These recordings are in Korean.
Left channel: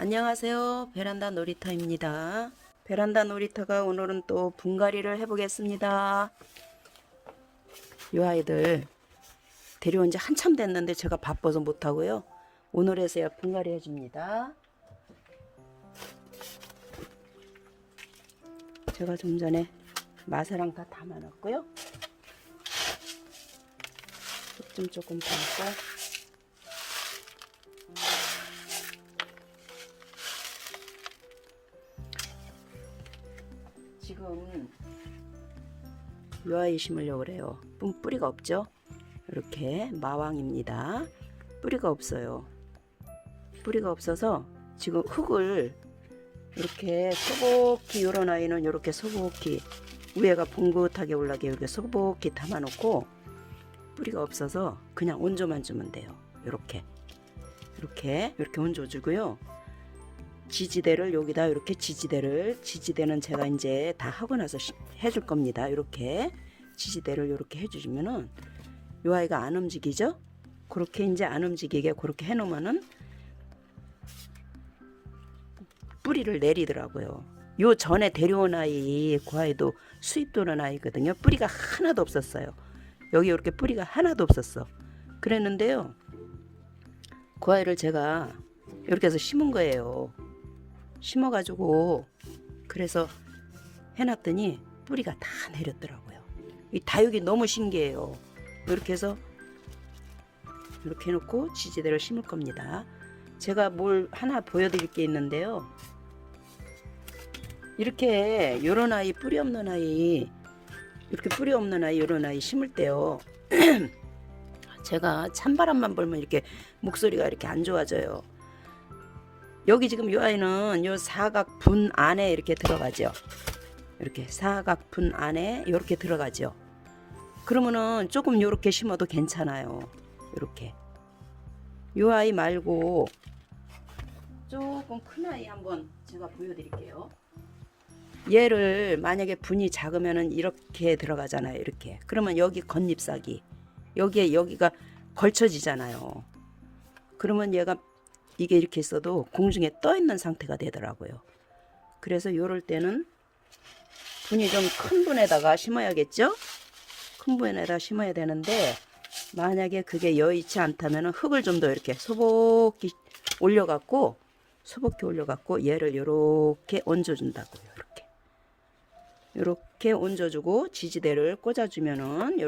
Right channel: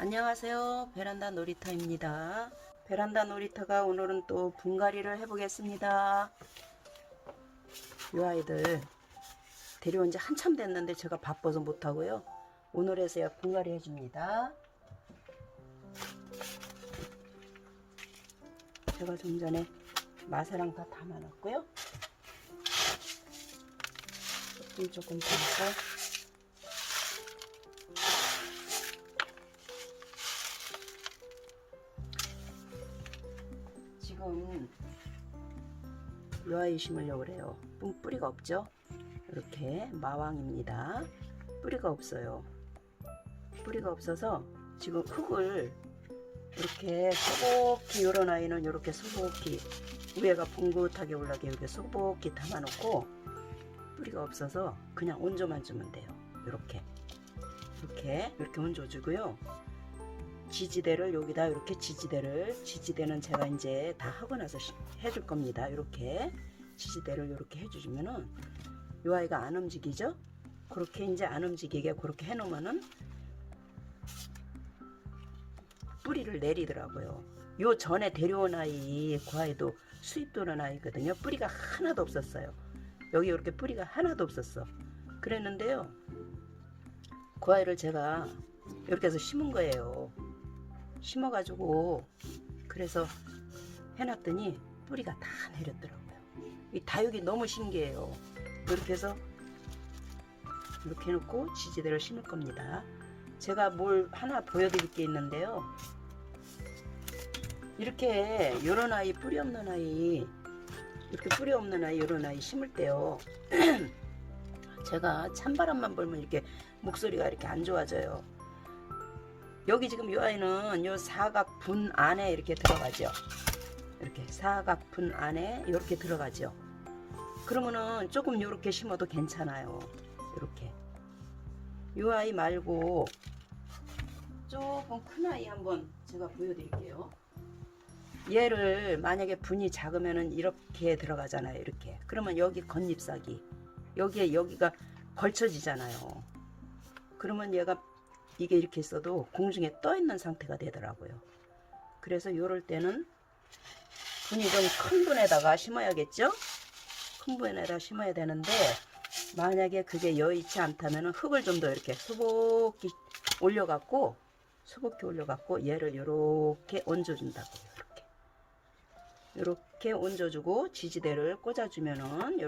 안녕하세요. 베란다 놀이터입니다. 베란다 놀이터가 오늘은 또 분갈이를 해보겠습니다. 이 아이들 데려온 지 한참 됐는데 제가 바빠서 못하고요. 오늘에서야 분갈이 해줍니다. 제가 좀 전에 마사랑 다 담아놨고요. 좀 조금 담았어요. 지금 이 아이 심으려고 그래요. 뿌리가 없죠? 이렇게 마왕입니다. 뿌리가 없어요. 뿌리가 없어서 지금 흙을 이렇게 소복히, 요런 아이는 이렇게 소복히 위에가 봉긋하게 올라게 이렇게 소복히 담아놓고, 뿌리가 없어서 그냥 온조만 주면 돼요. 이렇게 온조 주고요. 지지대를 여기다 이렇게 지지대는 제가 이제 다 하고 나서 해줄 겁니다. 이렇게 지지대를 이렇게 해주시면은 이 아이가 안 움직이죠? 그렇게 이제 안 움직이게 그렇게 해놓으면은 뿌리를 내리더라고요. 요 전에 데려온 아이, 그 아이도 수입 도는 아이거든요. 뿌리가 하나도 없었어요. 여기 이렇게 뿌리가 하나도 없었어. 그랬는데요, 그 아이를 제가 이렇게 해서 심은 거예요. 심어가지고 그래서 해놨더니 뿌리가 다 내렸더라고요. 이 다육이 너무 신기해요. 이렇게 해서 이렇게 해놓고 지지대를 심을 겁니다. 제가 뭘 하나 보여드릴 게 있는데요. 이렇게 요런 아이, 뿌리 없는 아이, 이렇게 뿌리 없는 아이, 요런 아이 심을 때요. 제가 찬바람만 불면 이렇게 목소리가 이렇게 안 좋아져요. 여기 지금 이 아이는 요 사각분 안에 이렇게 들어가죠. 이렇게 사각분 안에 이렇게 들어가죠. 그러면은 조금 요렇게 심어도 괜찮아요. 이렇게. 이 아이 말고 조금 큰 아이 한번 제가 보여드릴게요. 얘를 만약에 분이 작으면은 이렇게 들어가잖아요. 이렇게. 그러면 여기 겉잎사기, 여기가 걸쳐지잖아요. 그러면 얘가 이게 이렇게 있어도 공중에 떠 있는 상태가 되더라고요. 그래서 요럴 때는 분이 좀 큰 분에다가 심어야겠죠? 큰 분에다 심어야 되는데, 만약에 그게 여의치 않다면 흙을 좀 더 이렇게 소복히 올려갖고 얘를 요렇게 얹어준다고요. 이렇게 얹어주고 지지대를 꽂아주면은,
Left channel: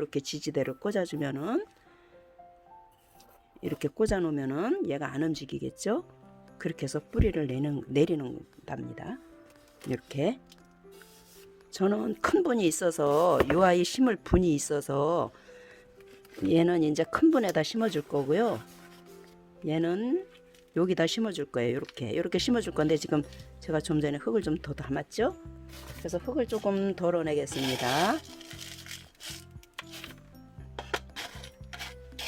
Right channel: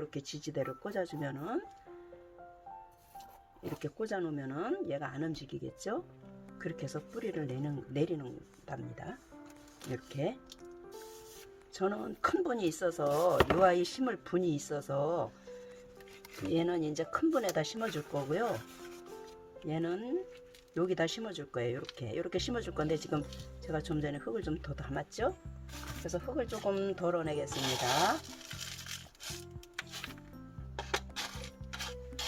이렇게 꽂아놓으면은 얘가 안 움직이겠죠? 그렇게 해서 뿌리를 내리는답니다. 이렇게. 저는 큰 분이 있어서, 이 아이 심을 분이 있어서 얘는 이제 큰 분에다 심어줄 거고요. 얘는 여기다 심어줄 거예요. 이렇게 심어줄 건데, 지금 제가 좀 전에 흙을 좀 더 담았죠? 그래서 흙을 조금 덜어내겠습니다.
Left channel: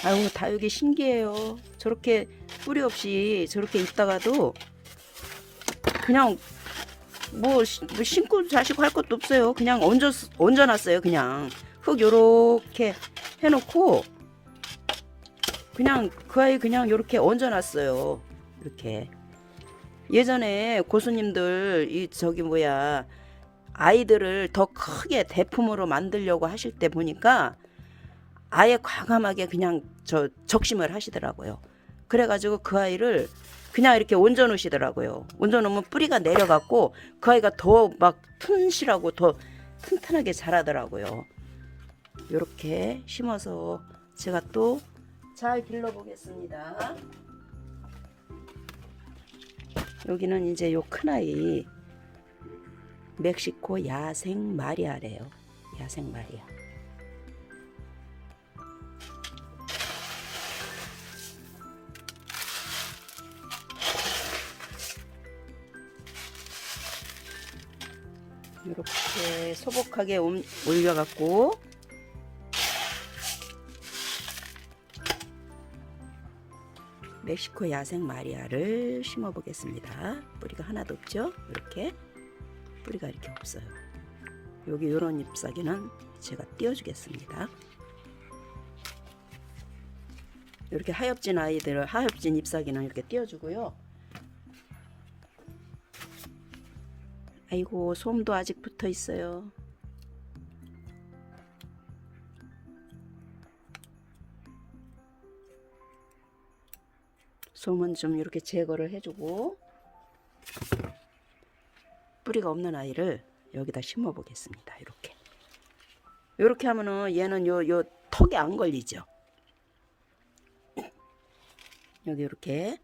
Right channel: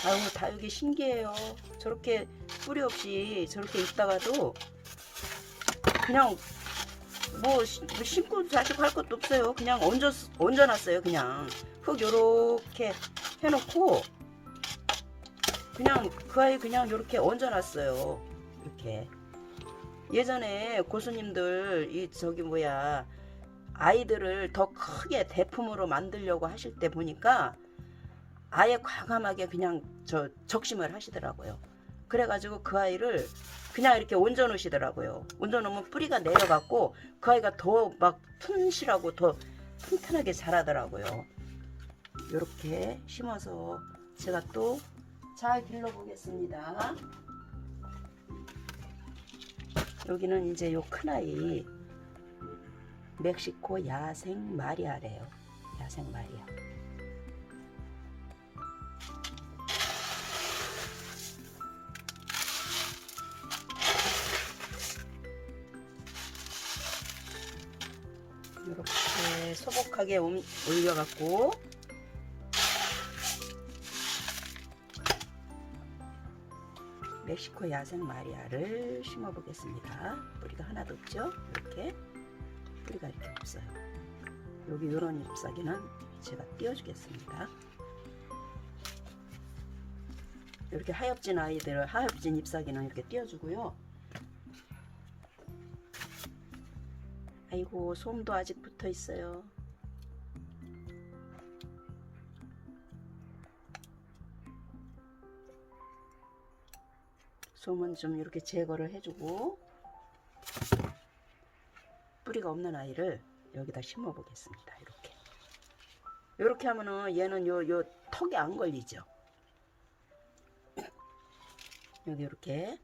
아유, 다육이 신기해요. 저렇게 뿌리 없이 저렇게 있다가도 그냥 뭐 심고 자시고 할 것도 없어요. 그냥 얹어놨어요. 그냥 흙 요렇게 해놓고 그냥 그 아이 그냥 요렇게 얹어놨어요. 이렇게. 예전에 고수님들 아이들을 더 크게 대품으로 만들려고 하실 때 보니까 아예 과감하게 그냥 적심을 하시더라고요. 그래가지고 그 아이를 그냥 이렇게 얹어 놓으시더라고요. 얹어 놓으면 뿌리가 내려갖고 그 아이가 더 막 튼실하고 더 튼튼하게 자라더라고요. 이렇게 심어서 제가 또 잘 길러보겠습니다. 여기는 이제 요 큰 아이 멕시코 야생 마리아래요. 야생 마리아. 이렇게 소복하게 올려갖고 멕시코 야생 마리아를 심어 보겠습니다. 뿌리가 하나도 없죠? 이렇게 뿌리가 이렇게 없어요. 여기 요런 잎사귀는 제가 띄워주겠습니다. 이렇게 하엽진 잎사귀는 이렇게 띄워주고요. 아이고, 솜도 아직 붙어 있어요. 솜은 좀 이렇게 제거를 해주고 뿌리가 없는 아이를 여기다 심어 보겠습니다. 이렇게 하면은 얘는 요 턱에 안 걸리죠. 여기 이렇게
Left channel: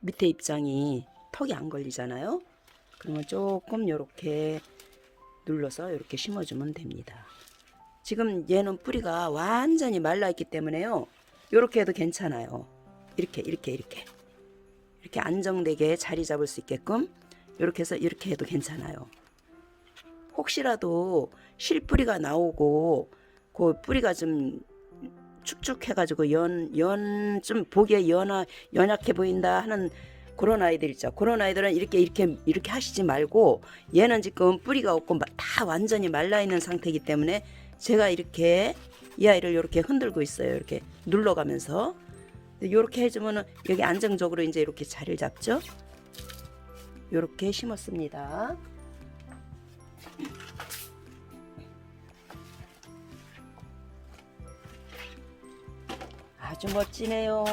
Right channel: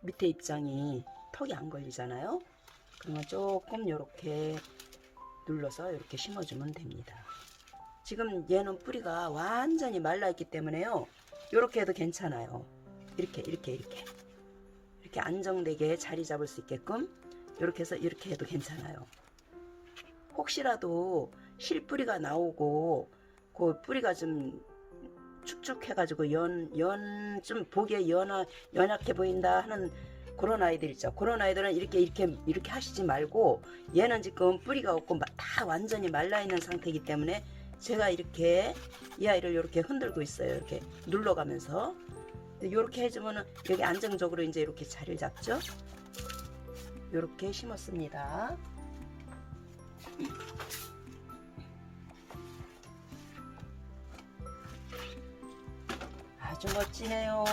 밑에 입장이 턱이 안 걸리잖아요. 그러면 조금 이렇게 눌러서 이렇게 심어주면 됩니다. 지금 얘는 뿌리가 완전히 말라있기 때문에요. 이렇게 해도 괜찮아요. 이렇게 안정되게 자리 잡을 수 있게끔 이렇게 해서 이렇게 해도 괜찮아요. 혹시라도 실뿌리가 나오고 그 뿌리가 좀 축축해가지고 좀 보기에 연약해 보인다 하는 그런 아이들 있죠. 그런 아이들은 이렇게 하시지 말고, 얘는 지금 뿌리가 없고 다 완전히 말라 있는 상태이기 때문에 제가 이렇게 이 아이를 이렇게 흔들고 있어요. 이렇게 눌러가면서 이렇게 해주면은 여기 안정적으로 이제 이렇게 자리를 잡죠. 이렇게 심었습니다. 아주 멋지네요.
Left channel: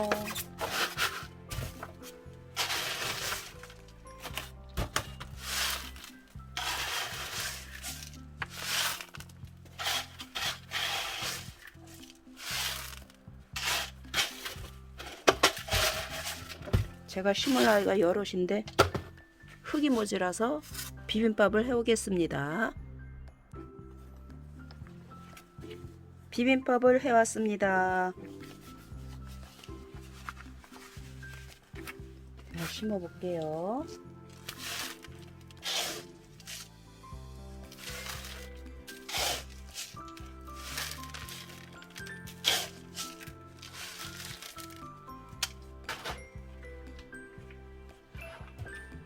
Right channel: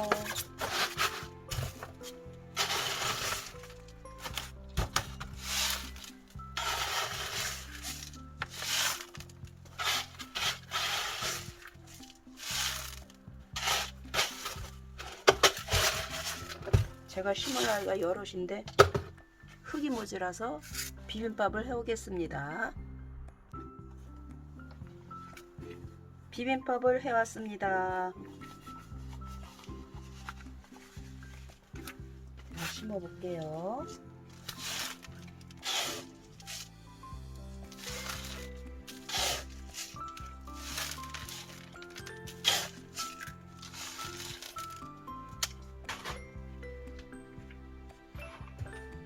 제가 심을 아이가 여럿인데 흙이 모자라서 비빔밥을 해오겠습니다. 비빔밥을 해왔습니다. 자, 심어볼게요.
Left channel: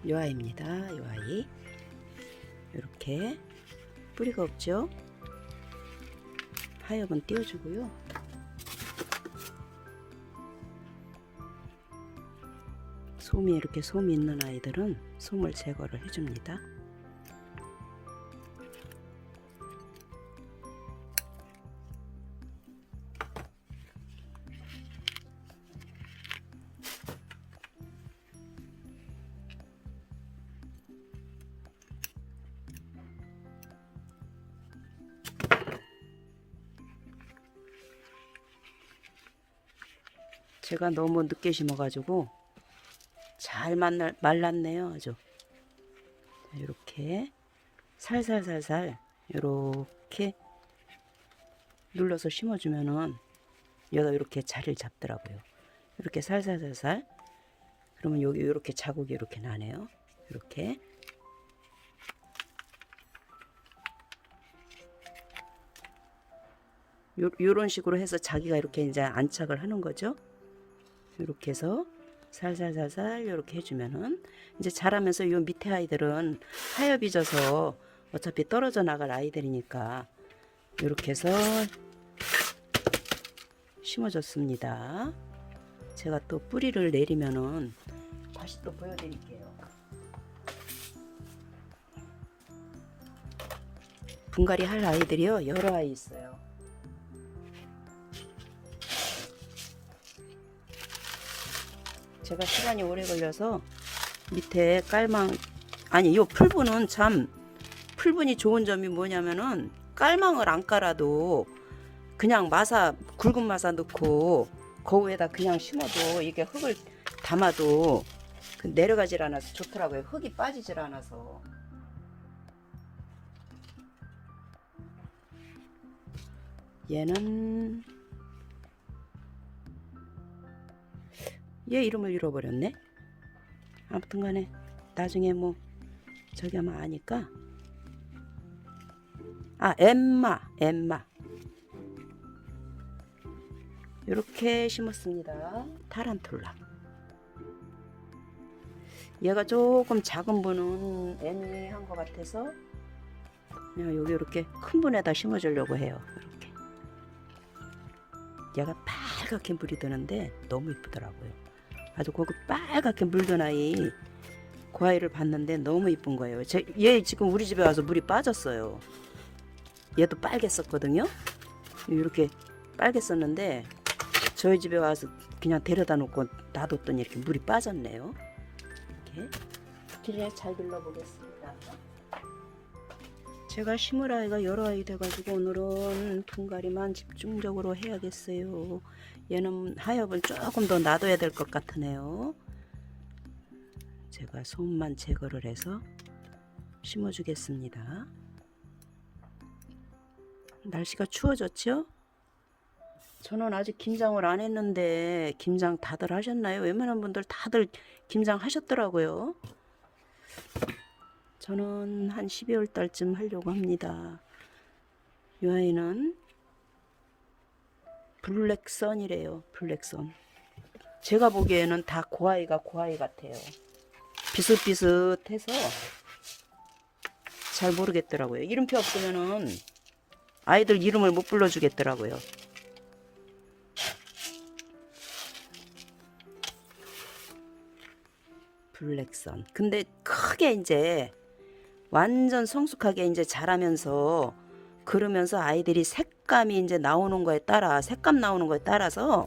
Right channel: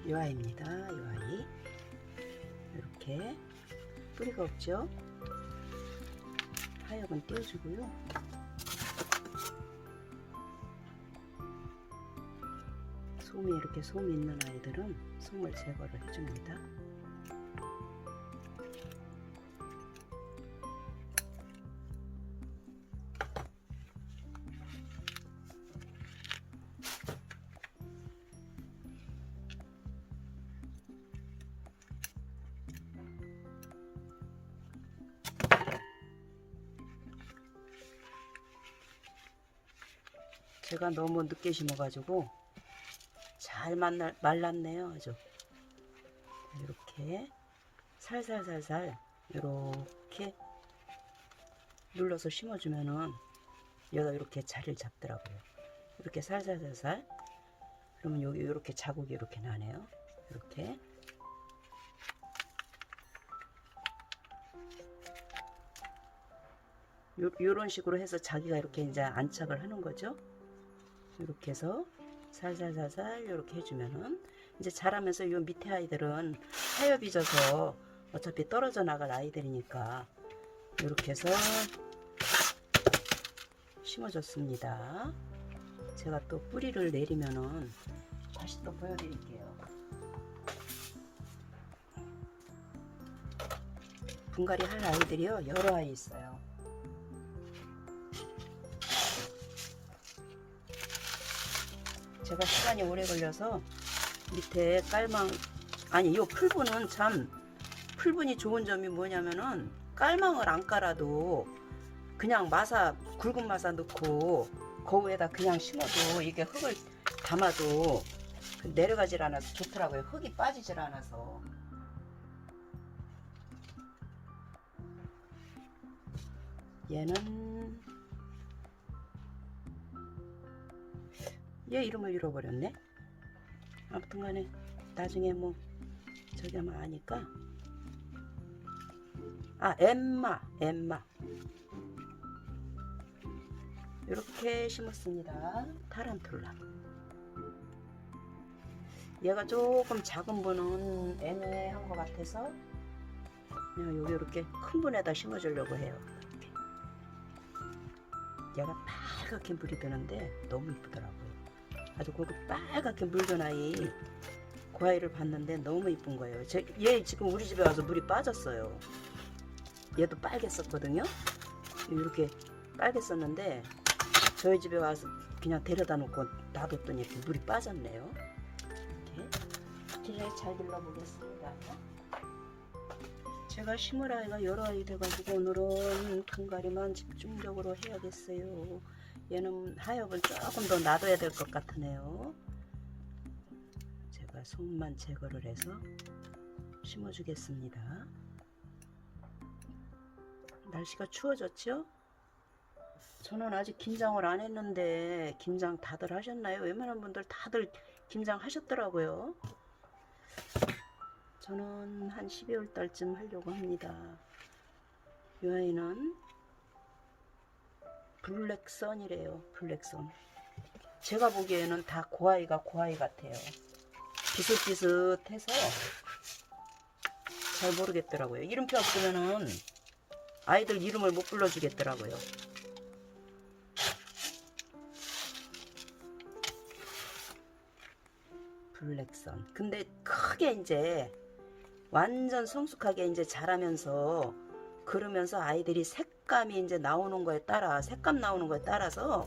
요 아이입니다. 요 아이. 이렇게 뿌리가 없죠? 하엽은 띄워주고요. 이렇게 솜이 있는 아이들은 솜을 제거를 해줍니다. 제가 너무 늦게 심어가지고 잘 말랐네요. 아주 이렇게 살살살살 이렇게 눌러서 심어주면은 얘가 이렇게 자리를 잡더라고요. 이렇게 살살살살. 그러면 여기 이렇게 자국이 이렇게 나네요. 이렇게 요런 식으로 해서 자기가 이렇게 이제 안착을 하는 거죠. 이렇게 해서 살살살살 이렇게 해주면은 이제 자라면서 요 밑에 아이들은 하엽이 져서 어차피 떨어져 나갈 아이들이니까 이렇게 해서 심어줬습니다. 제가 또 뿌리를 내리면은 다시 또 보여드릴게요. 분갈이 할 아이들이요, 여러 아이 있어요. 제가 시간이 오래 걸려서 밑에 요 풀분은 참, 풀분이 좋은 점이 뭐냐면은 깔망을 안 깔아도 그냥 굵은 마사 넣고 그 위에다 그냥 심어도 이게 흙을 담아도 내려가질 않아서 좋더라고요. 흙이 빠지질 않아서. 얘는 얘 이름을 잃어버렸네. 아무튼 간에 나중에 뭐 저기 아마 아니까. 엠마 이렇게 심었습니다. 타란툴라. 얘가 조금 작은 분은 애매한 것 같아서 그냥 여기 이렇게 큰 분에다 심어주려고 해요. 이렇게. 얘가 빨갛게 물이 드는데 너무 이쁘더라고요. 아주 거기 빨갛게 물든 아이, 고아이를 봤는데 너무 이쁜 거예요. 얘 지금 우리 집에 와서 물이 빠졌어요. 얘도 빨갰었거든요. 이렇게 빨갰었는데 저희 집에 와서 그냥 데려다 놓고 놔뒀더니 이렇게 물이 빠졌네요. 이렇게 길에 잘 길러보겠습니다. 제가 심을 아이가 여러 아이 돼가지고 오늘은 분갈이만 집중적으로 해야겠어요. 얘는 하엽은 조금 더 놔둬야 될 것 같으네요. 제가 솜만 제거를 해서 심어주겠습니다. 날씨가 추워졌죠? 저는 아직 김장을 안 했는데 김장 다들 하셨나요? 웬만한 분들 다들 김장 하셨더라고요. 저는 한 12월 달쯤 하려고 합니다. 이 아이는 블랙선이래요. 블랙선. 제가 보기에는 다 고아이가 고아이 같아요. 비슷비슷해서 잘 모르겠더라고요. 이름표 없으면은 아이들 이름을 못 불러주겠더라고요. 블랙선. 근데 크게 이제 완전 성숙하게 이제 자라면서 그러면서 아이들이 색감이 이제 나오는 거에 따라 색감 나오는 거에 따라서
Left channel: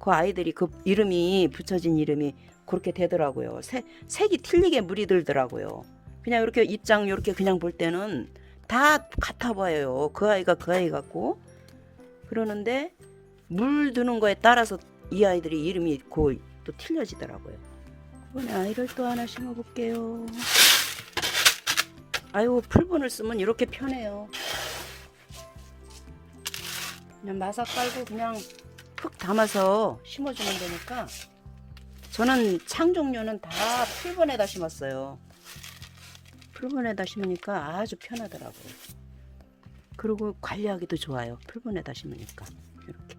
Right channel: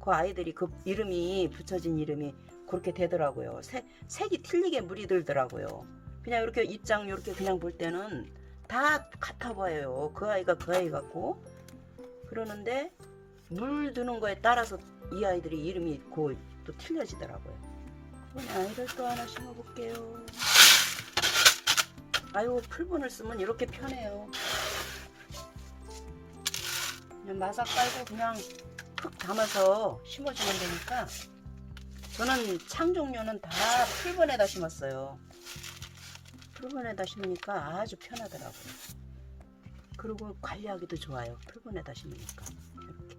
그 아이들이 그 이름이 붙여진 이름이 그렇게 되더라고요. 색이 틀리게 물이 들더라고요. 그냥 이렇게 입장 이렇게 그냥 볼 때는 다 같아 보여요. 그 아이가 그 아이 같고 그러는데 물 드는 거에 따라서 이 아이들이 이름이 또 틀려지더라고요. 아이를 또 하나 심어볼게요. 아이고 풀분을 쓰면 이렇게 편해요. 그냥 마삭 깔고 그냥 푹 담아서 심어주면 되니까 저는 창 종류는 다 풀분에다 심었어요. 풀분에다 심으니까 아주 편하더라고요. 그리고 관리하기도 좋아요. 풀분에다 심으니까 이렇게.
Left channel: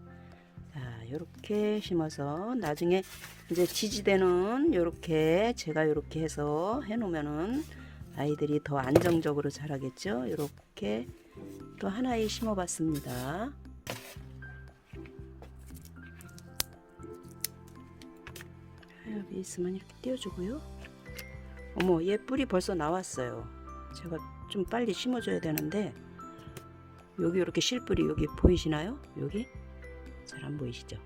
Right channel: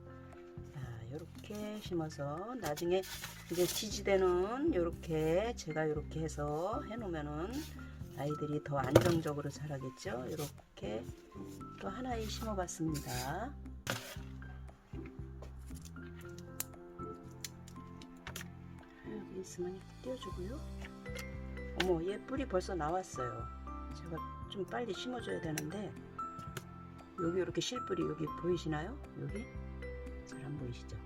이렇게 심어서 나중에 이제 지지대는 이렇게 제가 이렇게 해서 해놓으면은 아이들이 더 안정적으로 자라겠죠. 이렇게 또 하나에 심어봤습니다. 여기 있으면 이렇게 띄워주고요. 어머, 얘 뿌리 벌써 나왔어요. 제가 좀 빨리 심어줘야 되는데 여기 이렇게 실뿌리 여기 보이시나요? 여기 잘 안 보이시죠?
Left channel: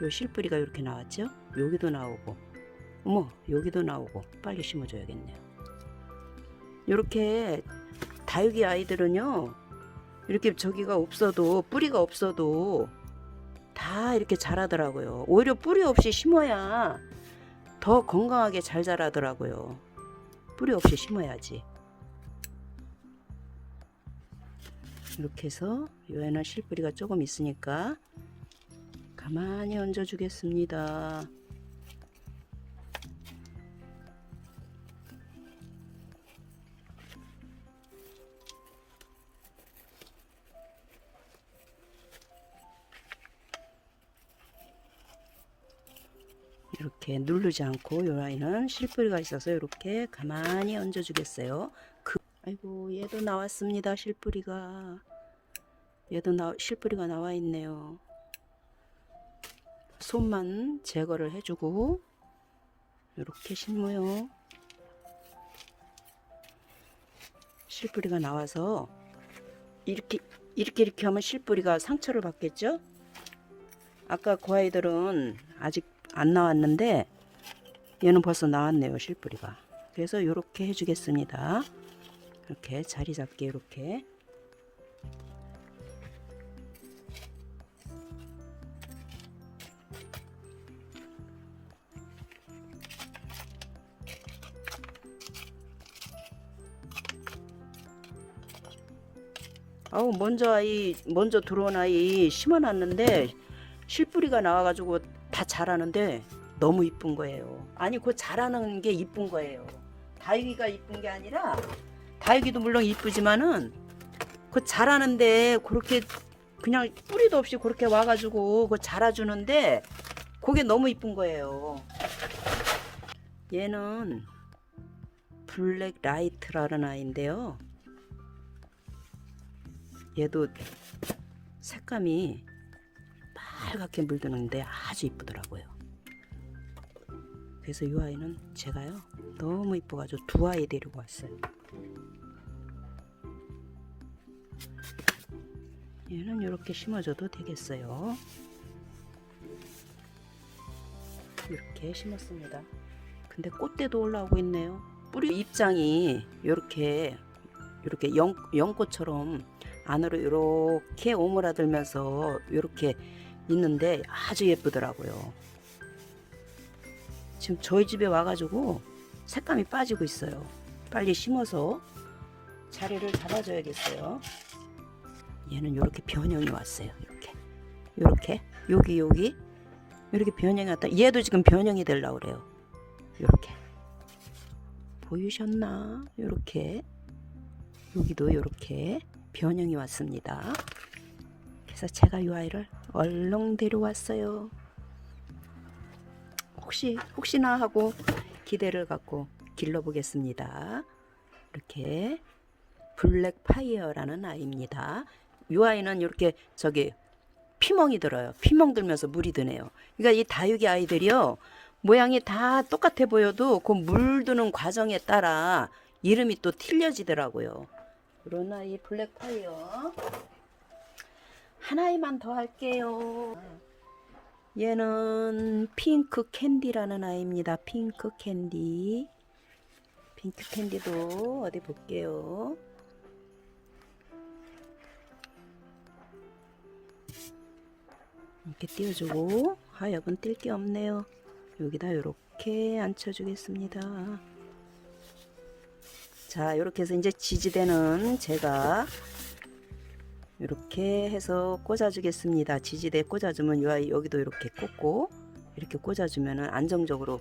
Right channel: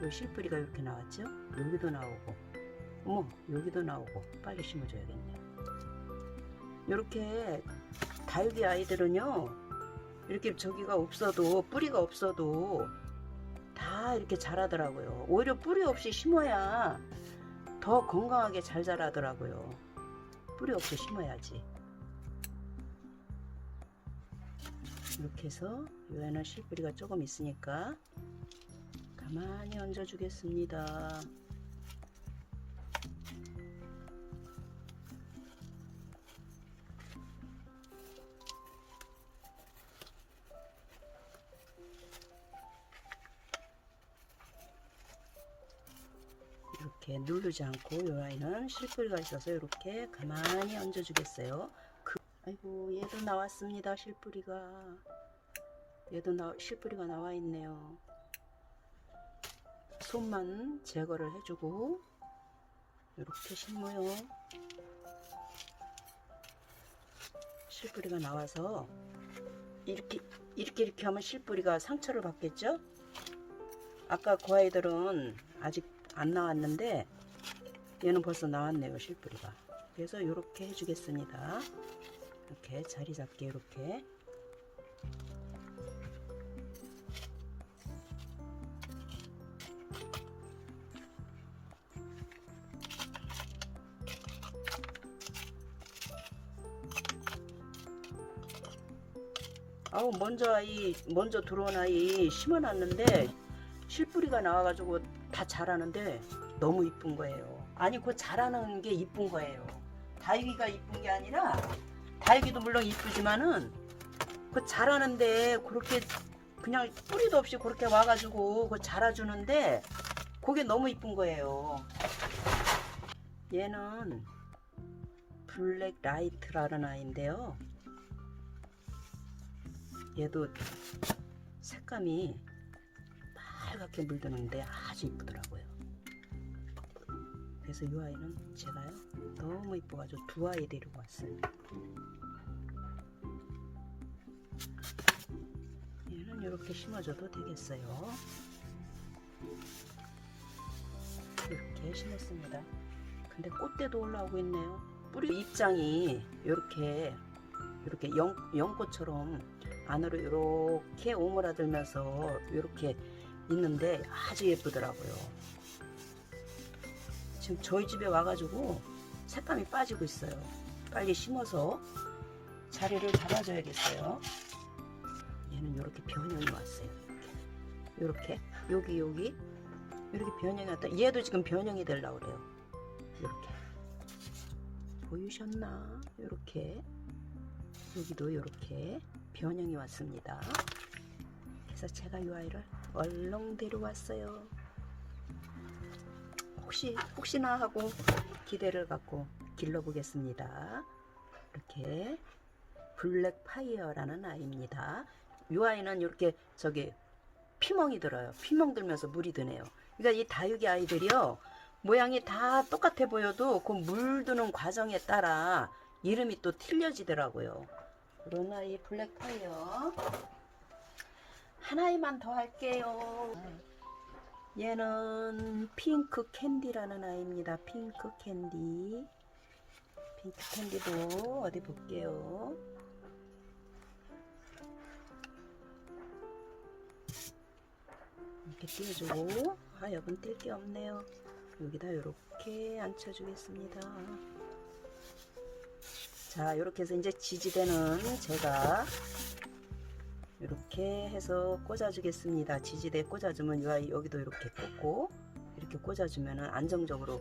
요 실뿌리가 이렇게 나왔죠? 여기도 나오고 어머 여기도 나오고 빨리 심어줘야겠네요. 이렇게 다육이 아이들은요 이렇게 저기가 없어도 뿌리가 없어도 다 이렇게 자라더라고요. 오히려 뿌리 없이 심어야 더 건강하게 잘 자라더라고요. 뿌리 없이 심어야지. 이렇게 해서 얘는 실뿌리가 조금 있으니까 가만히 얹어 주겠습니다. 이렇게 누르지 않고 이 아이는 실뿌리가 있어서 이렇게 가만히 얹어 주겠어요. 아이고 얘도 나왔습니다. 실뿌리가 실뿌리가 나와 있네요. 솜만 제거를 해주고 이렇게 심어요. 실뿌리가 나와서 이렇게 하면 실뿌리가 상처를 받겠죠. 아까 그 아이들은 아직 안 나왔는데 얘는 벌써 나왔네요. 실뿌리가. 그래서 이렇게 해주겠습니다. 이렇게 자리 잡게 이렇게. 아우 먼저 들어온 아이 심어놨는데 실뿌리가 나와가지고 다 자라는데 너무 이쁜 거예요. 아니 그 자라는 게 이쁜 거예요. 다육이가 이쁜 게 아니라 다육이도 물론 이쁘지만은 그 자라는데 그렇게 그냥 뿌리도 없이 그렇게 와가지고 그 자라주는데 그게 너무 이쁜 거예요. 얘는 블랙 라이트라는 아이인데요. 얘도 색감이 빨갛게 물드는데 아주 이쁘더라고요. 그래서 이 아이는 제가요 너무 이뻐가지고 두 아이 데리고 왔어요. 얘는 이렇게 심어줘도 되겠어요. 이렇게 심었습니다. 근데 꽃대도 올라오고 있네요. 뿌리 입장이 이렇게 연꽃처럼 안으로 이렇게 오므라들면서 이렇게 있는데 아주 예쁘더라고요. 지금 저희 집에 와가지고 색감이 빠지고 있어요. 빨리 심어서 자리를 잡아줘야겠어요. 얘는 이렇게 변형이 왔어요. 이렇게 여기 이렇게 변형이 왔다. 얘도 지금 변형이 되려고 그래요. 이렇게 보이셨나? 이렇게 여기도 이렇게 변형이 왔습니다. 그래서 제가 이 아이를 얼렁 데려왔어요. 혹시나 하고 기대를 갖고 길러보겠습니다. 이렇게 블랙 파이어라는 아이입니다. 이 아이는 이렇게 피멍이 들어요. 피멍 들면서 물이 드네요. 그러니까 이 다육이 아이들이요 모양이 다 똑같아 보여도 그 물 드는 과정에 따라 이름이 또 틀려지더라고요. 이런 아이 블랙 파이어 한 아이만 더 할게요. 얘는 핑크 캔디라는 아이입니다. 핑크 캔디. 핑크 캔디도 어디 볼게요. 이렇게 띄워주고 하여간 뜰 게 없네요. 여기다 이렇게 앉혀주겠습니다. 자, 이렇게 해서 이제 지지대는 제가 이렇게 해서 꽂아주겠습니다. 지지대 꽂아주면 이 아이 여기도 이렇게 꽂고 이렇게 꽂아주면 안정적으로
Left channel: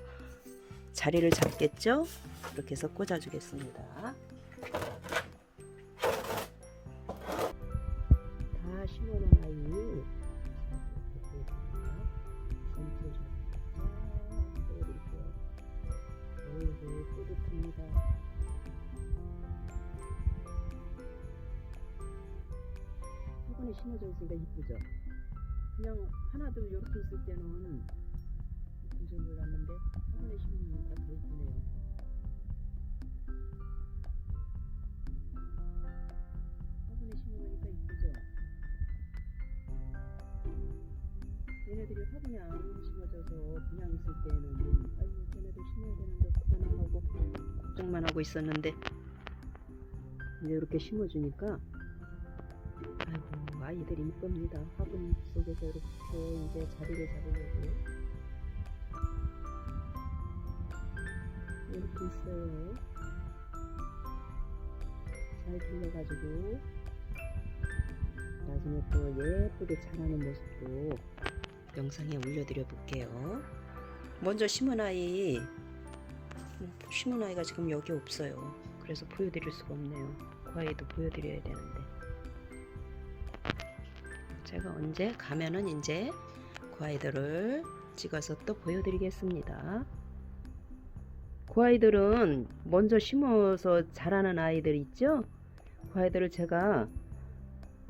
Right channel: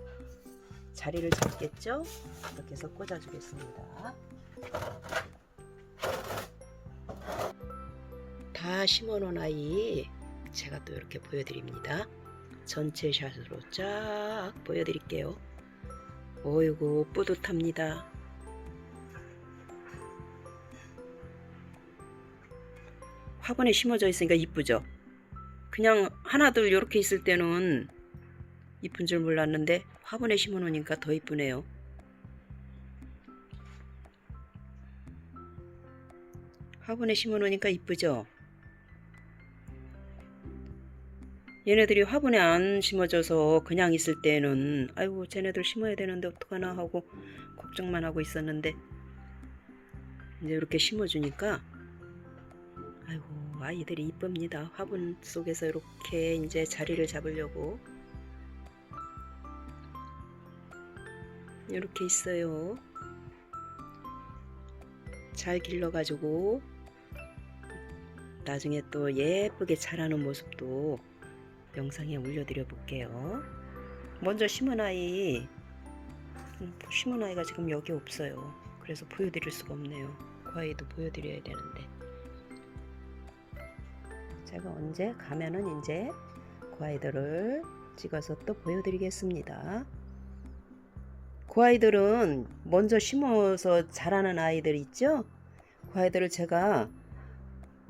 자리를 잡겠죠? 이렇게 해서 꽂아주겠습니다. 다 심어놓은 아이 제가 또 이렇게 보여드립니다. 전체 샷으로 쫙 보여드릴게요. 어이구 뿌듯합니다. 화분에 심어져 있으니까 이쁘죠? 그냥 하나둘 이렇게 있을 때는 이쁜 줄 몰랐는데 화분에 심어 놓으니까 더 이쁘네요. 화분에 심어 놓으니까 이쁘죠? 얘네들이 화분에 안 심어져서 그냥 있을 때는 아이고 쟤네들 심어야 되는데 어떡하나 하고 걱정만 하고 있었는데 이제 이렇게 심어주니까 아이고 아이들이 이쁩니다. 화분 속에서 이렇게 이제 자리를 잡으려고 이렇게 있어요. 잘 길러가지고 나중에 또 예쁘게 자라는 모습도 영상에 올려드려 볼게요. 먼저 심은 아이가 지금 여기 없어요. 그래서 보여드릴 수가 없네요. 그 아이도 보여드려야 되는데 제가 언제 가면은 이제 그 아이들을 찍어서 또 보여드리겠습니다. 그 아이들은 먼저 심어서 자라는 아이들 있죠? 그 아이들을 제가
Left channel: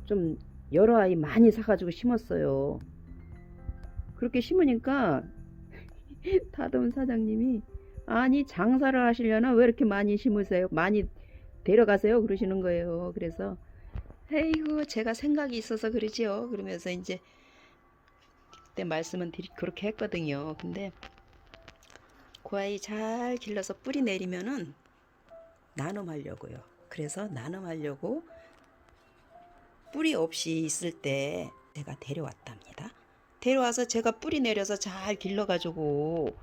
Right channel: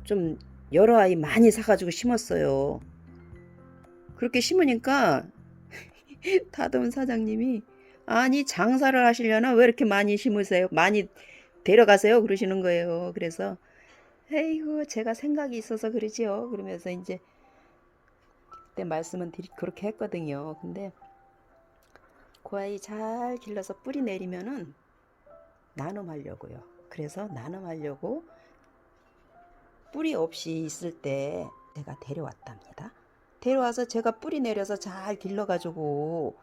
좀 여러 아이 많이 사가지고 심었어요. 그렇게 심으니까 다듬은 사장님이 아니 장사를 하시려나 왜 이렇게 많이 심으세요? 많이 데려가세요? 그러시는 거예요. 그래서 에이구 제가 생각이 있어서 그러지요. 그러면서 이제 그때 말씀은 그렇게 했거든요. 근데 그 아이 잘 길러서 뿌리 내리면은 나눔하려고요. 그래서 나눔하려고 뿌리 없이 있을 때 제가 데려왔답니다. 데려와서 제가 뿌리 내려서 잘 길러가지고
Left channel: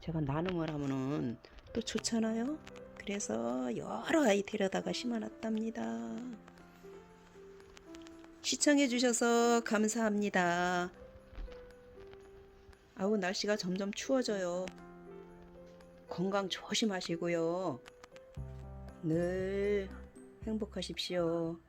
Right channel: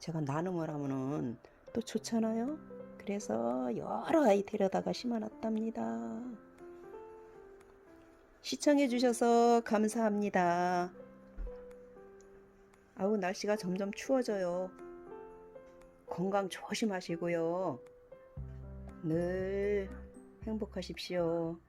제가 나눔을 하면은 또 좋잖아요. 그래서 여러 아이 데려다가 심어놨답니다. 시청해주셔서 감사합니다. 아우 날씨가 점점 추워져요. 건강 조심하시고요. 늘 행복하십시오.